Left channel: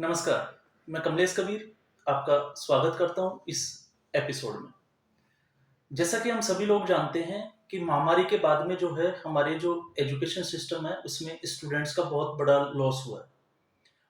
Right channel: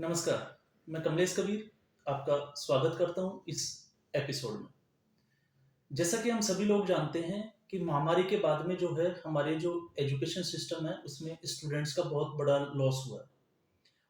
नमस्कार, मैं कमलेश कबीर आपका स्वागत करता हूँ इस एपिसोड में। जैसा कि हम सभी लोग जानते हैं कि महामारी के बाद में जो है हमारे जो एजुकेशन सिस्टम है उसमें स्टूडेंट्स का बहुत बड़ा लॉस हुआ है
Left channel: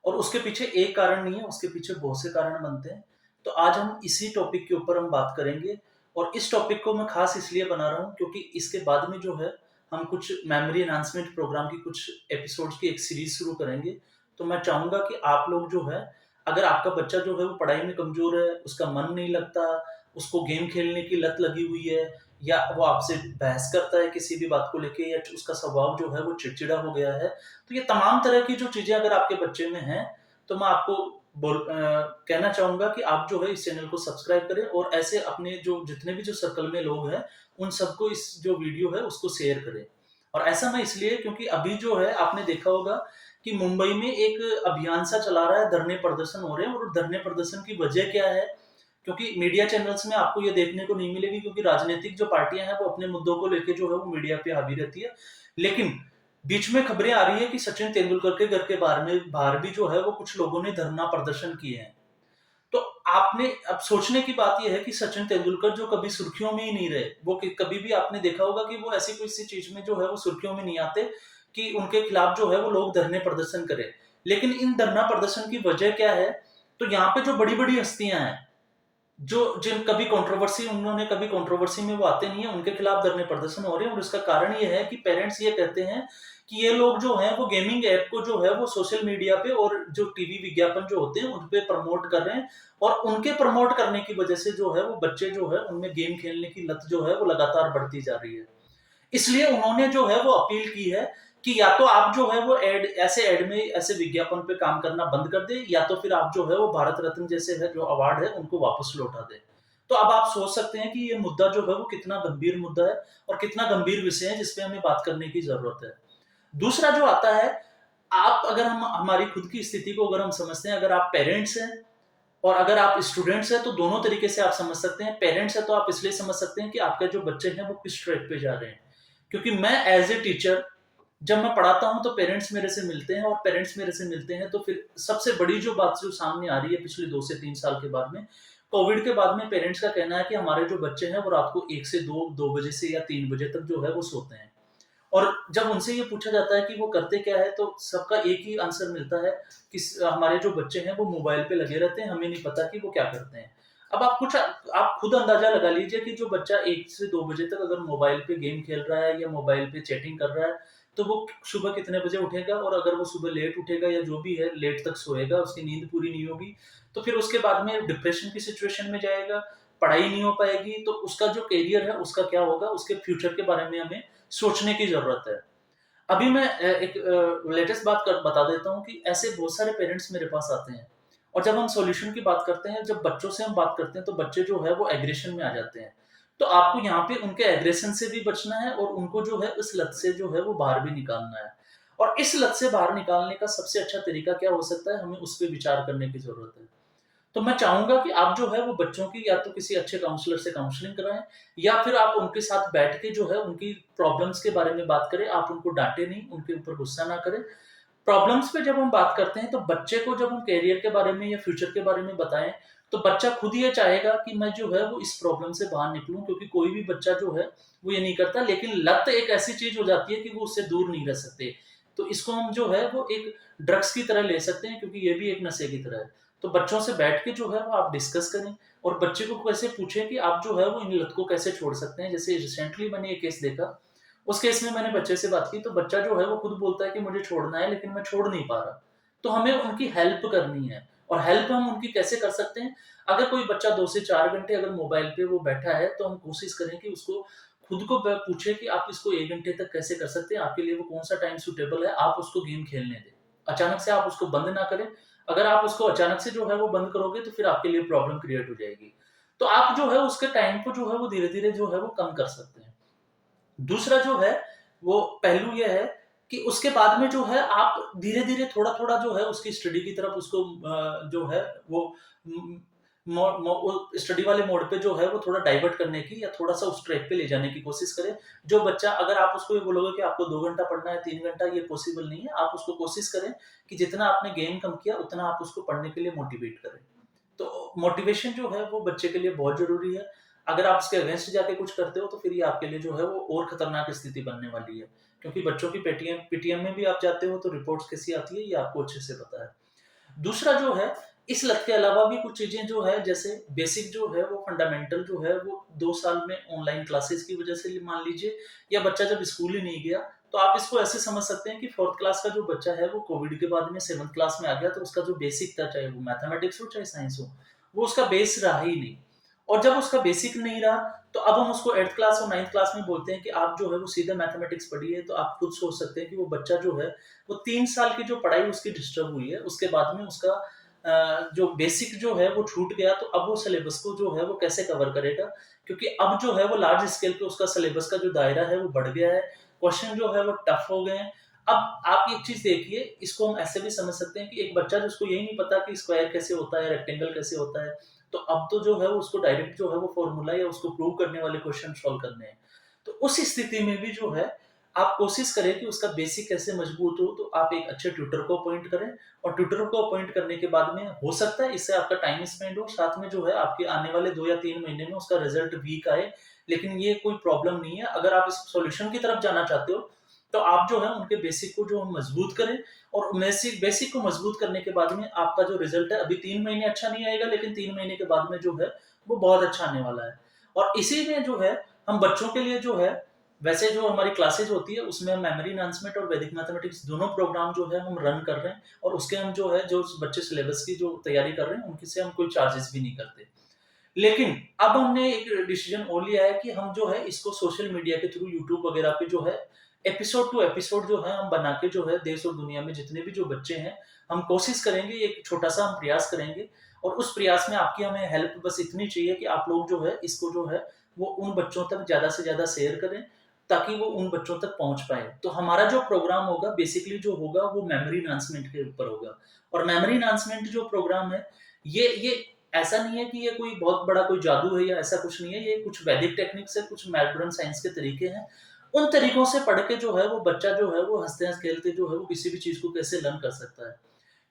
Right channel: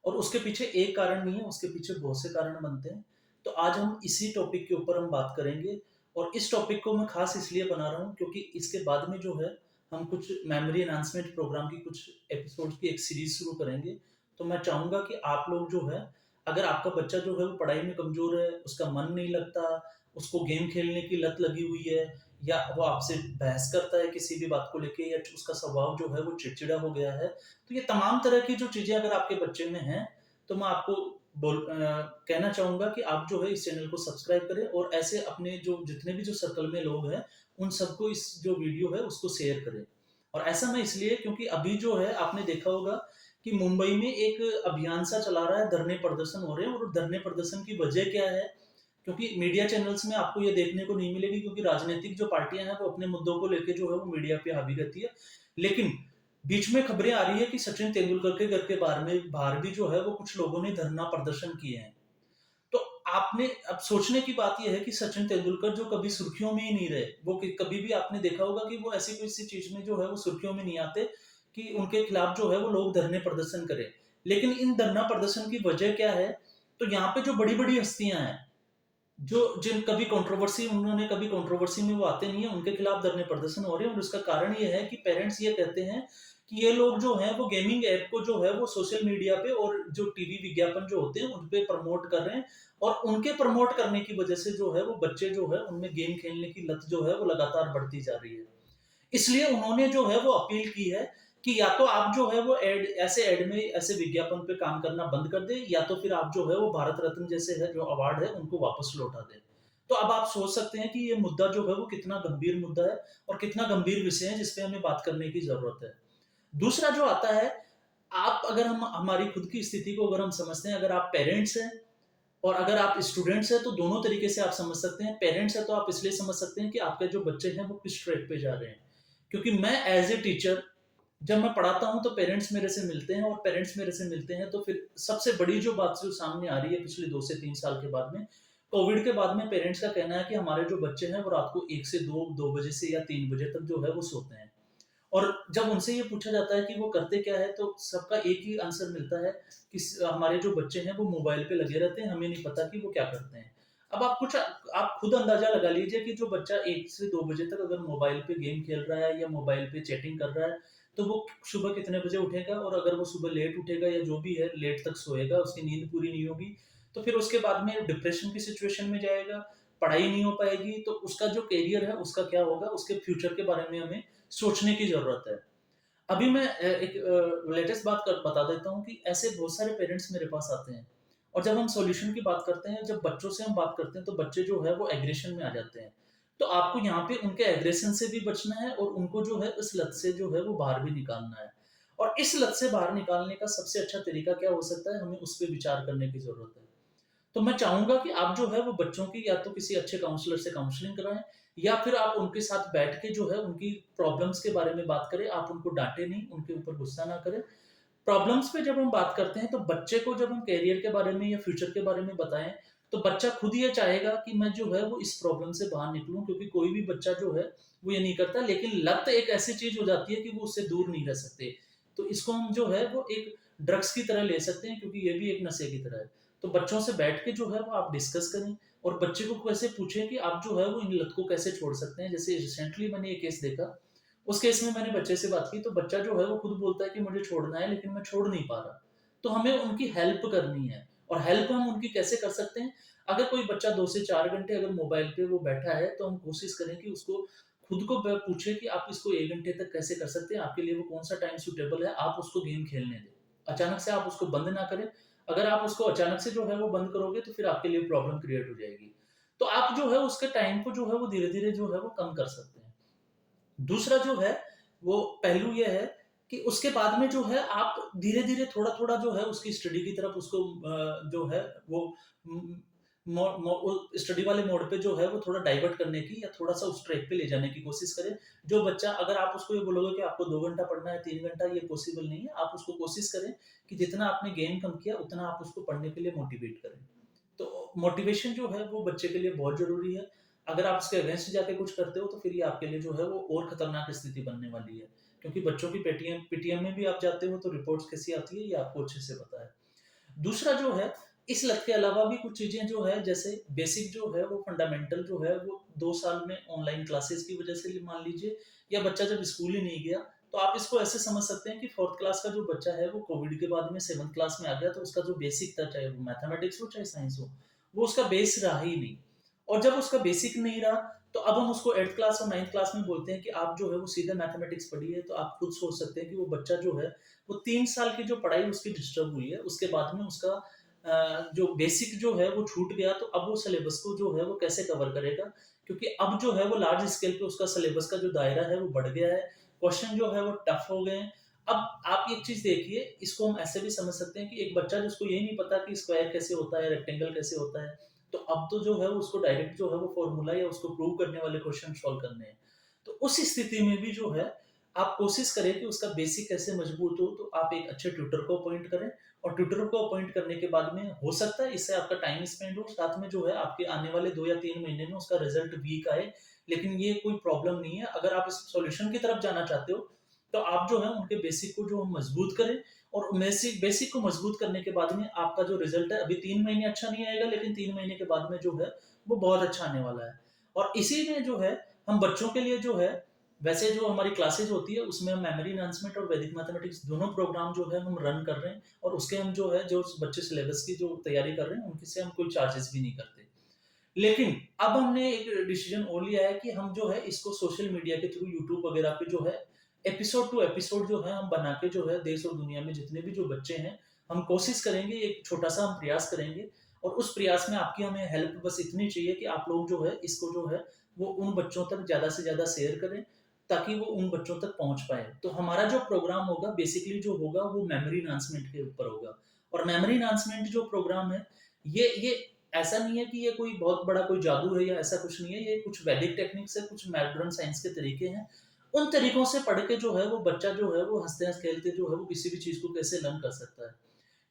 और उसके पीछे एक कारण नहीं है, उसके पीछे बहुत से कारण बनते हैं। तो आज हम इसी टॉपिक के ऊपर हम बात करेंगे और इस टॉपिक को मैं खास इसलिए बना रहा हूँ क्योंकि इसके बाद में जो है हम कुछ मेमोरी एनहांसमेंट प्रोग्राम की कुछ एपिसोड्स की एक सीरीज शुरू करेंगे। तो मैं चाहूँगा कि आप लोग जो है, अगर आपका बच्चा जो है वो पढ़ाई में कमज़ोर है, उसका मन नहीं लगता, उसको गेम खेलने की लत लगी हुई है या वो आपसे बहस करता है किसी भी बात को लेके या उसका स्वभाव जो है वो चिड़चिड़ा हो गया है, तो ये तमाम तरह की जो चीज़ें अगर आपके बच्चे में हैं, तो मैं आपको कहना चाहूँगा कि आप जो है इस चैनल को सब्सक्राइब करें और ऐसे अपने जो जितने भी जो सर्कल में लोग हैं, उन सबको इस जो वीडियो है उसको शेयर करें। और ऐसा मैं इसलिए क्योंकि अभी जो है आपने देखा होगा कि मुंबई में एक अभियान सा चला रहा है, धरने प्रदर्शन हो रहे हैं और धरने प्रदर्शन की वजह क्या है? क्योंकि मीडिया चैनल्स में आपको ये देखने को नहीं मिलेगी क्योंकि राजनीतिक जो पार्टियाँ हैं वो अपने मुद्दों को लेके जो है वो मीडिया पे हावी रहती है। लेकिन बीच में खबरें आ रही है कि सचिन तेंदुलकर के घर के बाहर भी जो है वो कुछ लोगों ने धरना प्रदर्शन किए हैं। तो आपने अब सोचने की बात ये है कि सचिन तेंदुलकर जो कभी सुर्खियों में ही नहीं रहे, वो कभी भी आपने देखा होगा कि वो ऐसी किसी चीज में जो है वो सुर्खियों में नहीं आते कि उनके खिलाफ जो है वो लोग धरने प्रदर्शन करें। लेकिन इन धरना प्रदर्शन की वजह क्या है? तो यहाँ पे जो बड़ी बड़ी हस्तियां हैं, जो जिन कभी कंट्रोवर्सी उन्होंने कभी कंट्रोवर्सी में वो आते नहीं है, उनके खिलाफ धरने प्रदर्शन हो रहे हैं और इसका कारण ये है कि पेरेंट्स ये कहते हैं कि ये लोग जो हैं वो गेमिंग ऐप को जो है वो सोशल मीडिया पे और जो टीवी विज्ञापन जो होते हैं उन पे प्रमोट कर रहे हैं और उनके प्रमोट करने की वजह से जो है वो बच्चे जो है उनमें गेम खेलने की लत जो है वो लगातार बढ़ती जा रही है। इसलिए उन्होंने जो है वो अपील की है कि या तो आप जो है वो ऐड में ऐसे विज्ञापन पे काम करना बंद कर दें या तो फिर आप जो है वो भारत रत्न जैसे है जो अवार्ड है उनको वापस लौटा दें। तो अब आप सोच सकते हैं कि ये मुद्दा जो है वो कितना गंभीर मुद्दा है और कितना गंभीर विषय है जिस पे हमें बात करने की जरूरत है। दूसरा जो आता है, आप अगर हम हमारी खुद की स्थिति को अगर हम समझते हैं, अगर आप पेरेंट्स हैं और अगर आप स्टूडेंट्स हैं तो दोनों तरीके से आप समझ सकते हैं। पेरेंट्स हैं तो आप इसलिए समझ सकते हैं कि आपके जो बच्चे हैं वो किस ट्रैक पे जा रहे हैं। क्योंकि मैं एज़ ए टीचर जब मैं पढ़ाता हूँ तो पेरेंट्स मेरे से मिलते हैं और पेरेंट्स मेरे से मिलते हैं तो फिर सबसे बड़ी जो बात जो सामने आ रही है पिछले 2 से 3 साल के बाद में, कोविड के बाद में पेरेंट्स का कहना है कि हमारे जो बच्चे हैं वो रात को 1 से 2 बजे से या 3 बजे तक जो है वो सोते हैं। और जब उनसे ये पूछा जाता है कि वो करते क्या है, तो सबका एक ही आंसर मिलता है कि हमारे जो बच्चे हैं वो मोबाइल पे लगे रहते हैं, हमें नहीं पता कि वो क्या करते हैं। अब आप खुद अंदाजा लगा लीजिए कि जो बच्चा 1 से 2 बजे तक अगर मोबाइल पे गेम खेल रहा है या मोबाइल पे चैटिंग कर रहा है, तो वो सुबह कितने बजे उठेगा और अगर वो सुबह लेट उठेगा या जो भी है लेट तक सोएगा, उसकी नींद पूरी नहीं होगी, तो फिर उसके बाद में डिप्रेशन की सिचुएशन में जाएगा, पढ़ाई नहीं हो पाएगी, तो उसका जो करियर है उसका क्या होगा, उसके फ्यूचर के बारे में हमें सोचने की ज़रूरत है। अभी मैं एक लेटेस्ट बात बता देता हूँ कि ऐसे बहुत सारे पेरेंट्स मेरे पास आते हैं और जब हम सॉल्यूशन की बात करते हैं, जब बच्चों से हम बात करते हैं, तो बच्चे जो है वो एग्रेशन में आ जाते हैं। तो आपको यहाँ पे उनके एग्रेशन से भी बचना है और उनको जो है इस लत से जो है वो बाहर भी निकालना है। और इस लत से बाहर निकालने का सबसे अच्छा तरीका क्या हो सकता है, हमें उस पे विचार करने की ज़रूरत है। तो मैं चाहूँगा कि आप जो है वो बच्चों की या तो किसी अच्छे काउंसलर से काउंसलिंग कराएँ या फिर आप उनके साथ बैठ के जो है उनकी प्रॉब्लम्स के बारे में बात करें। आप उनको डाँटे नहीं, उनके ऊपर गुस्सा ना करें। प्रॉब्लम्स पे जब हम बात करते हैं तो बच्चे को जब हम करियर के बारे में या फ्यूचर के बारे में बताएँ, तो बच्चा खुद ये चाहेगा कि मैं जो है वो इस प्रॉब्लम से बाहर निकलूँ, क्योंकि कोई भी बच्चा जो है वो ये नहीं करता। लेकिन लत एक ऐसी चीज़ हो जाती है कि वो उससे दूर नहीं रह सकते। तो इसको हम जो है वो एक ड्रग्स की तरह ले सकते हैं, क्योंकि ये भी एक नशे की तरह है। तो बच्चों से बैठ के जो है वो आप डिस्कस करें और बच्चे को कैसे पूछें कि आप जो है वो इन लत को कैसे छोड़ सकते हैं। जैसे रिसेंटली मैंने एक केस देखा, उस केस में मैंने बच्चे से बात की तो बच्चा जो है वो खुद बोलता है कि मुझे छोड़ना है लेकिन मैं छोड़ नहीं पा रहा। तो हमें उनकी हेल्प करनी है और हेल्प हम उनकी कैसे कर सकते हैं? अगर कोई बच्चा 2 से 4 घंटे अगर मोबाइल पे वो बैठा है तो हम कोशिश करें कि उसको खुद को पूछे कि आप इसको 1 घंटे तक कैसे कर सकते हैं? आपके लिए वो कौन-सा टाइम सूटेबल है? आप उसको गेम खेलने दें। अचानक से आप उसको बंद ना करें। अगर आप उसको अचानक से जो है वो बंद करोगे तो फिर आपके लिए प्रॉब्लम क्रिएट हो जाएगी। तो आप जो है उसके टाइम को जो है वो धीरे-धीरे जो है वो कम कर सकते हैं। दूसरा जो है, वो पहलू ये है कि उसके बाद में जो है आप धीरे-धीरे थोड़ा-थोड़ा जो है उसकी स्टडी की तरफ उसको जो है वो उम, स्टडी वाले मोड पे जो है वो थोड़ा डाइवर्ट करने की या थोड़ा सा उस ट्रैक पे ले जाने की कोशिश करें। जो बच्चा, अगर आप उसको ये बोलोगे कि आपको 2 घंटा पढ़ना है, 3 घंटा, ये पॉसिबल नहीं है। आप उसको कोशिश करें कि जितना आपने गेम कम किया उतना आप उसको पढ़ने के लिए मोटिवेट करें। तो मोटिवेशन जो है वो बच्चे के लिए बहुत जरूरी है। अगर आप इसके अगेंस्ट जाके कुछ करते हो तो फिर ये आपके लिए जो है वो और खतरनाक स्थिति बनने वाली है, क्योंकि बच्चों की पीटीएम पीटीएम में भी आप जाते हो तो रिपोर्ट्स कैसी आती है ये आपको अच्छे से पता है। दूसरा जो है, इस लत के अलावा भी कुछ चीजें जो है, जैसे बेसिक जो है वो फंडामेंटल जो है वो 2 साल में ऑनलाइन क्लासेस की वजह से मान लीजिए, या बच्चा जब स्कूल ही नहीं गया, तो आप इसको ऐसे समझ सकते हैं कि फोर्थ क्लास का जो बच्चा है वो कोविड के बाद में सेवंथ क्लास में आ गया, तो उसका जो बेसिक था, चाहे वो मैथमेटिक्स हो चाहे साइंस हो, वो उसका बेस रहा ही नहीं। और जब उसका बेसिक नहीं रहा, तो अब हम उसको 8th क्लास और 9th क्लास में बोलते हैं कि आप जो है वो सीधे मैथमेटिक्स पढ़िए, तो आप खुद सोच सकते हैं कि वो बच्चा जो है वो 3 साल की जो पढ़ाई उसकी डिस्टर्ब हुई है, उसके बाद में उसका जो बेसिक जो है वो छूट गया, तो अब वो सिलेबस को जो है वो कैसे कवर करेगा, क्योंकि अब जो है वो लार्ज स्केल पे उसका सिलेबस का जो दायरा है वो बढ़ गया है, क्वेश्चन जो है वो टफ हो गए हैं। अब आप एक चीज देखिए, इसको हम ऐसे भी समझ सकते हैं कि एक बच्चा जिसको यही नहीं पता कि स्क्वायर कैसे होता है, रेक्टेंगल कैसे होता है, तो अब तो जो है उसको डायरेक्ट जो है वो फॉर्मूला या उसको प्रूव करने वाले क्वेश्चन सॉल्व करने हैं। तो उस स्थिति में भी जो है आप कोशिश करें कि उसका बेसिक कैसे मजबूत हो, तो आप एक अच्छे ट्यूटर को अपॉइंट करें, और ट्यूटर को अपॉइंट करने के बाद में हो सकता है इससे आपका टाइम स्पेंड हो, साथ में जो है आपके आने वाले 2 या 3 महीने में उसका रिजल्ट वीक आए, लेकिन ये कोई प्रॉब्लम नहीं है। अगर आप इस सॉल्यूशन की तरफ जाना चाहते हो, तो आप जो है उनके बेसिक को जो मजबूत करें, और बेसिक बेसिक को मजबूत करने के बाद में आपका जो रिजल्ट है, अभी 3 महीने अच्छा नहीं आएगा, लेकिन 3 महीने के बाद में जो है वो बहुत अच्छा आने वाला है। और इसी में जो है हम बच्चों के लिए जो है, वैसे जो हमारी क्लासेज होती है उसमें हम मेमोरी एनहांसमेंट और वैदिक मैथमेटिक्स दोनों प्रोग्राम जो है हम रन कर रहे हैं, और उसके हम जो है जो बच्चे सिलेबस की जो तैयारी कर रहे हैं उनकी से हम कोई चार्जेस भी नहीं करते। लेकिन अब हमने एक डिसीजन और लिया है कि हम जो है इसको सोशल मीडिया के थ्रू, यूट्यूब वगैरह पे जो है एपिसोड टू एपिसोड जो है हम बना के जो है देश और दुनिया में जितने भी जो बच्चे हैं, हम कोशिश करेंगे, एक छोटा सा हम प्रयास करेंगे, और उस प्रयास में आपकी हमें हेल्प बस इतनी चाहिए कि आप लोग जो है इसको जो है वो उन बच्चों तक ज्यादा से ज्यादा शेयर करें, ताकि वो उन बच्चों तक पहुंच पाए। तो हमारा जो प्रोग्राम होगा बेसिकली जो होगा वो मेमोरी एनहांसमेंट के ऊपर होगा। और मेमोरी एनहांसमेंट जो प्रोग्राम है, ये ऐसा नहीं है कि ये कोई बहुत बड़ा कोई जादू है या ऐसा कुछ नहीं है, ये कुछ वैदिक टेक्निक्स है, कुछ मॉडर्न साइंस के तरीके हैं। उन तरीकों से पढ़ के जो है वो बच्चा जो है वो हँसते-खेलते जो है वो किसी भी चीज़ को कैसे लर्न कर सकता है।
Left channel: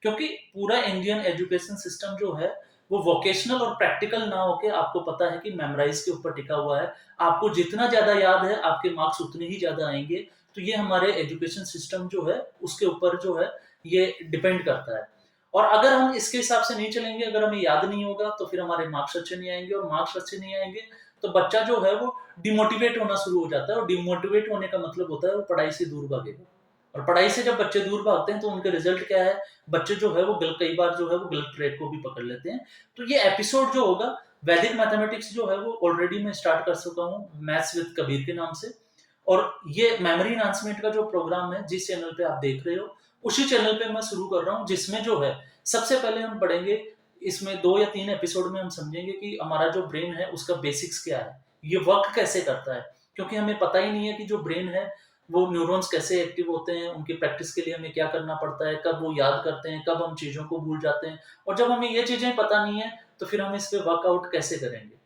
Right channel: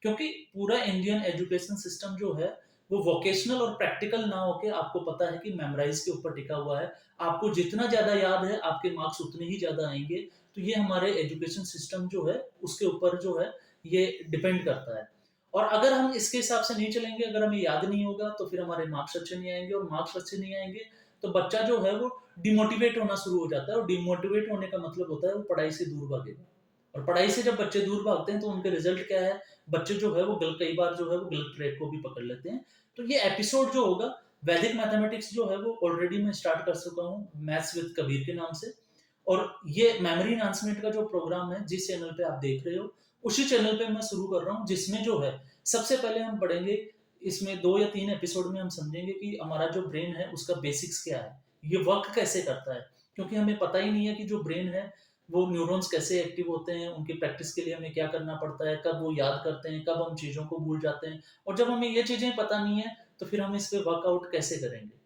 क्योंकि पूरा इंडियन एजुकेशन सिस्टम जो है वो वोकेशनल और प्रैक्टिकल ना होके, आपको पता है कि मेमोराइज के ऊपर टिका हुआ है। आपको जितना ज़्यादा याद है, आपके मार्क्स उतने ही ज़्यादा आएँगे। तो ये हमारे एजुकेशन सिस्टम जो है उसके ऊपर जो है ये डिपेंड करता है। और अगर हम इसके हिसाब से नहीं चलेंगे, अगर हमें याद नहीं होगा तो फिर हमारे मार्क्स अच्छे नहीं आएँगे, और मार्क्स अच्छे नहीं आएँगे तो बच्चा जो है वो डिमोटिवेट होना शुरू हो जाता है, और डिमोटिवेट होने का मतलब होता है वो पढ़ाई से दूर भागेगा। और पढ़ाई से जब बच्चे दूर भागते हैं तो उनके रिजल्ट क्या है, बच्चे जो है वो कई बार जो है वो गलत ट्रैक को भी पकड़ लेते हैं। तो ये एपिसोड जो होगा, वैदिक मैथमेटिक्स जो है वो ऑलरेडी मैं स्टार्ट कर चुका हूँ मैथ्स विद कबीर के नाम से। और ये मेमोरी एनहांसमेंट का जो प्रोग्राम है जिस चैनल पे आप देख रहे हो, उसी चैनल पे मैं शुरू कर रहा हूँ, जिसमें जो है सबसे पहले हम पढ़ेंगे, इसमें 2 या 3 एपिसोड में हम समझेंगे कि हमारा जो ब्रेन है उसका बेसिक्स क्या है, ये वर्क कैसे करता है। क्योंकि हमें पता ही नहीं है कि जो ब्रेन है वो न्यूरॉन्स कैसे एक्टिव होते हैं, उनकी प्रैक्टिस के लिए हमें क्या करना पड़ता है, कब वो याद करते हैं, कब हम चीज़ों को भूल जाते हैं। और जब हमें ये चीज़ें पता नहीं है, तो फिर हम इस पे वर्कआउट कैसे करेंगे।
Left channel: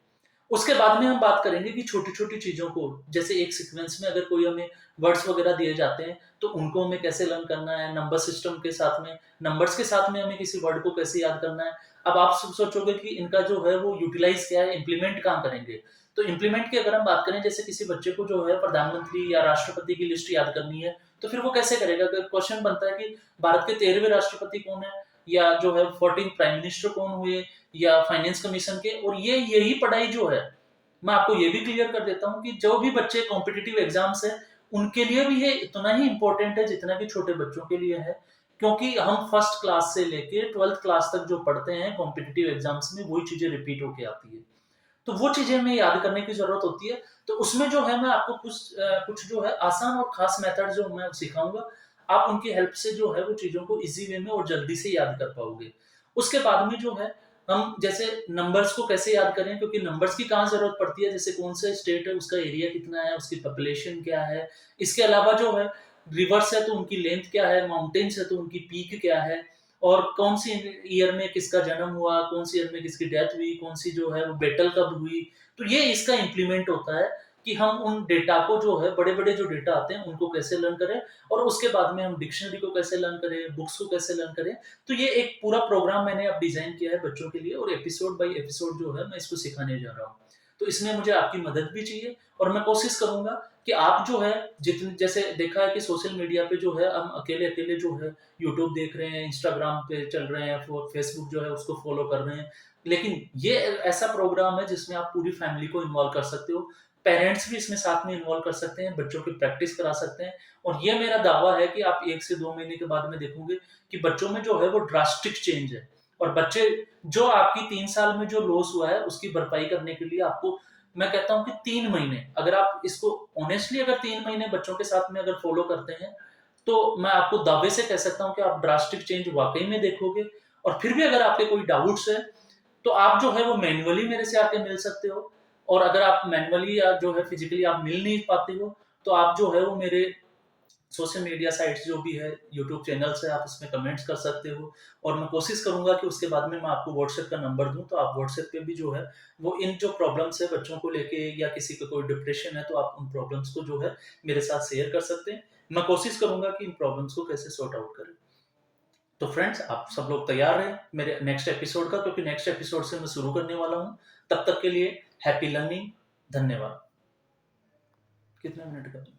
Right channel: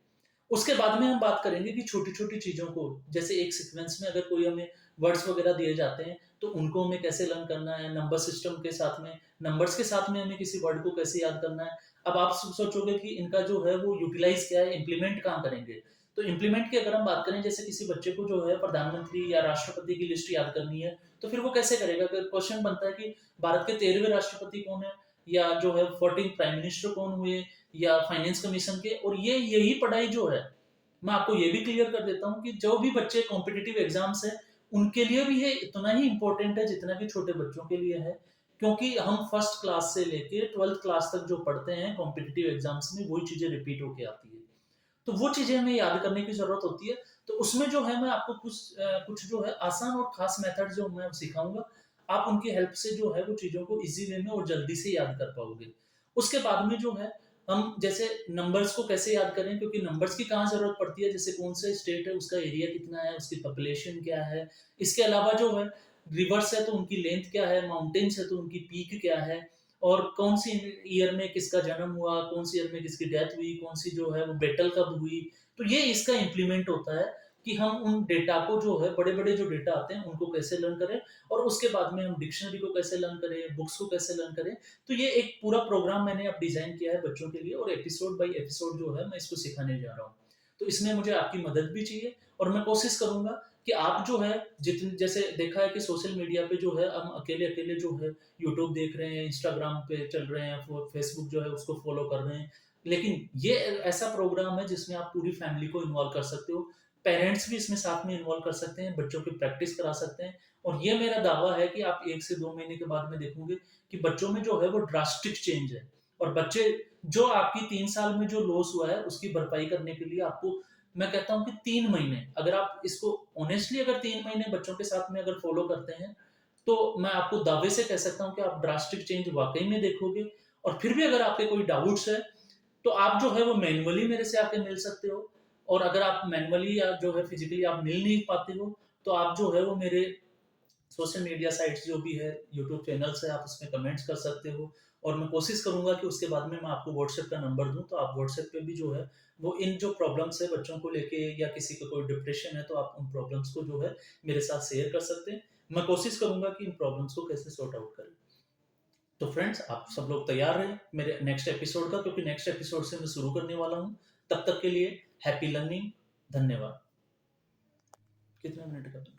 उसके बाद में हम बात करेंगे कि छोटी-छोटी चीज़ों को, जैसे एक सीक्वेंस में अगर कोई हमें वर्ड्स वगैरह दिए जाते हैं, तो उनको हमें कैसे लर्न करना है, नंबर सिस्टम के साथ में, नंबर्स के साथ में हमें किसी वर्ड को कैसे याद करना है। अब आप सोचोगे कि इनका जो है वो यूटिलाइज़ क्या है, इम्प्लीमेंट कहाँ करेंगे? तो इम्प्लीमेंट की अगर हम बात करें, जैसे किसी बच्चे को जो है प्रधानमंत्री या राष्ट्रपति की लिस्ट याद करनी है, तो फिर वो कैसे करेगा? अगर क्वेश्चन बनता है कि भारत के 13वें राष्ट्रपति कौन है? या जो है 14 प्राइम मिनिस्टर कौन हुए? या फाइनेंस कमीशन के, और ये यही पढ़ाई जो है, मैं आपको ये भी क्लियर कर देता हूँ कि जो भी बच्चे कॉम्पिटिटिव एग्जाम्स हैं, उनके लिए भी ये इतना ही इम्पोर्टेंट है जितना कि छोटे बच्चों के लिए है। क्योंकि हम फर्स्ट क्लास से लेके 12th क्लास तक जो पढ़ते हैं कॉम्पिटिटिव एग्जाम्स में, वही चीजें रिपीट होके आती है। तो वो चीजें हमें याद करने की जरूरत होती है। तो उसमें जो है मैं आपको कुछ जो है आसान और खास मेथड जो मैं सिखाऊंगा, आप उनकी हेल्प से जो है वो चीजों को इजी वे में और जल्दी से याद कर पाओगे। उसके बाद में जो है हम जैसे नंबर्स को कैसे याद करें, क्योंकि नंबर्स की कहाँ जरूरत पड़ती है, जैसे कौन सा स्टेट है, उसका एरिया कितना है, उसकी पॉपुलेशन क्या है। इसके अलावा जो है रिवर्स है तो उनकी लेंथ क्या है, माउंटेन्स है तो उनकी पीक क्या है, और कौन सी ईयर में किसका जन्म हुआ, कौन सी ईयर में किसकी डेथ हुई, कौन सी जो है वो बैटल कब हुई। तो ये इसका इम्प्लीमेंट होता है कि हम उन डेटा को जो है बड़े-बड़े जो डेटा आते हैं उनको कैसे लर्न करें, और उसके बाद में हम डिक्शनरी को कैसे लर्न करें, बुक्स को कैसे लर्न करें। तो ये एक पूरा प्रोग्राम मैंने अब डिज़ाइन किया है बच्चों के लिए, और एपिसोड बाय एपिसोड जो है मैं इसको सिखाने जा रहा हूँ। तो इसमें मुझे आपकी मदद भी चाहिए, और मैं कोशिश करूँगा कि आप जो है जितने, जैसे देखा है कि सोशल मीडिया पे जो है हम अकेले-अकेले जो है यूट्यूब देख रहे हैं, इंस्टाग्राम पे चल रहे हैं, फेसबुक जो है उसको फॉलो कर रहे हैं। लेकिन ये ऐसा प्रोग्राम है जिसमें आप पूरी फैमिली को इन्वॉल्व कर सकते हो। पेरेंट्स भी इसमें साथ में इन्वॉल्व कर सकते हैं, बच्चों की प्रैक्टिस करा सकते हैं, और ये मेरा दावा है कि आप 1 से 2 महीने के बाद में देखोगे कि बच्चों में जो है वो ड्रास्टिक चेंज है। और बच्चे जो आपकी 3 साल में जो लॉस हुआ है उसकी भरपाई करने के लिए आपको, मैं कहता हूँ कि 3 महीने, अगर आप इसको ऑनेस्टली अगर 3 महीने बच्चों के साथ में अगर फॉलो करते हैं, तो मैं आपको दावे से कह सकता हूँ कि आप ड्रास्टिक चेंज वाक़ई में देखोगे। और फिर भी अगर आपके कोई डाउट्स हैं, तो आप जो है वो मैन्युअली मेरे से आके मिल सकते हो, और अगर आप मैन्युअली या जो है फिज़िकली आप मिल नहीं पाते हो, तो आप जो है वो मेरे सोशल मीडिया साइट्स जो भी है, यूट्यूब चैनल्स है, आप उसमें कमेंट्स कर सकते हो। और मैं कोशिश करूँगा कि उसके बाद में मैं आपको व्हाट्सएप का नंबर दूँ, तो आप व्हाट्सएप पे भी जो है, वो इन जो प्रॉब्लम्स है बच्चों को लेके, या किसी को कोई डिप्रेशन है, तो आप उन प्रॉब्लम्स को जो है मेरे साथ शेयर कर सकते हैं। मैं कोशिश करूँगा कि इन प्रॉब्लम्स को कैसे सॉर्ट आउट करें। तो फ्रेंड्स, आप सब लोग तैयार रहें मेरे नेक्स्ट एपिसोड का, क्योंकि नेक्स्ट एपिसोड से मैं शुरू करने वाला हूँ। तब तक के लिए हैप्पी लर्निंग। धन्यवाद। कितने मिनट का?